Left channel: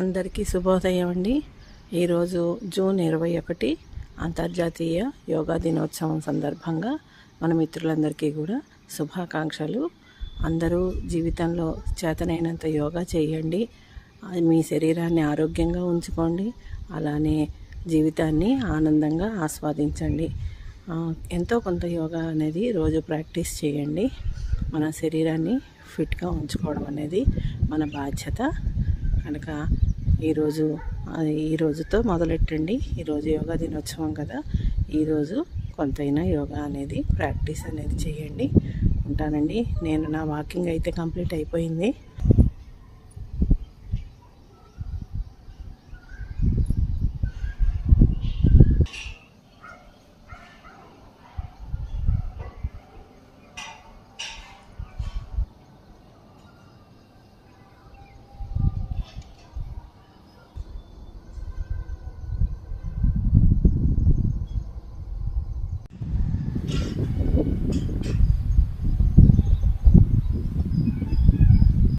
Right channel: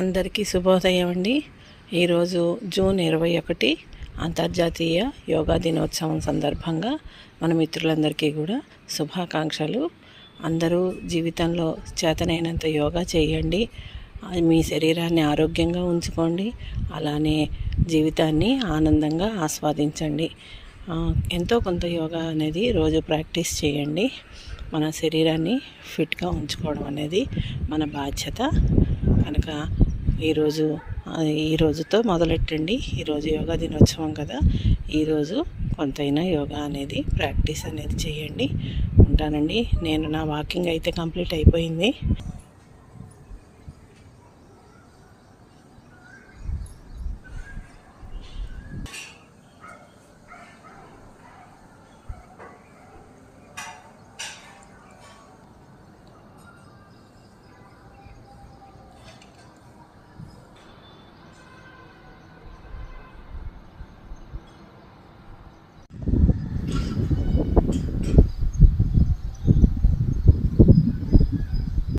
అందరికీ శుభోదయం అండి. ఈరోజు జూన్ 21 అంతర్జాతీయ యోగా దినోత్సవం సందర్భంగా మన మిత్రులందరికీ కూడా శుభాకాంక్షలు. అందరూ జీవితంలో చేతనైనంత యోగా చేయండి. మీ శరీరాన్ని ఆరోగ్యంగా ఉంచుకోండి. అలానే జీవితాన్ని ఆనందంగా ఆస్వాదించండి. ఎంతో కొంత యోగా అనేది రోజు ప్రాక్టీస్ చేయండి. మన శరీరాన్ని ఫిట్గా ఉంచుకోవడం అనేది మన బాధ్యత కనుక ఈ రోజుతో మొదలెట్టండి. ఈరోజు యోగా దినోత్సవం కదా, ఈరోజు కొంతైనా యోగా అనేది ప్రాక్టీస్ అనేది చేయండి. ఉంటానండి. నేను నా వాకింగ్ అయితే కంప్లీట్ అయిపోయింది.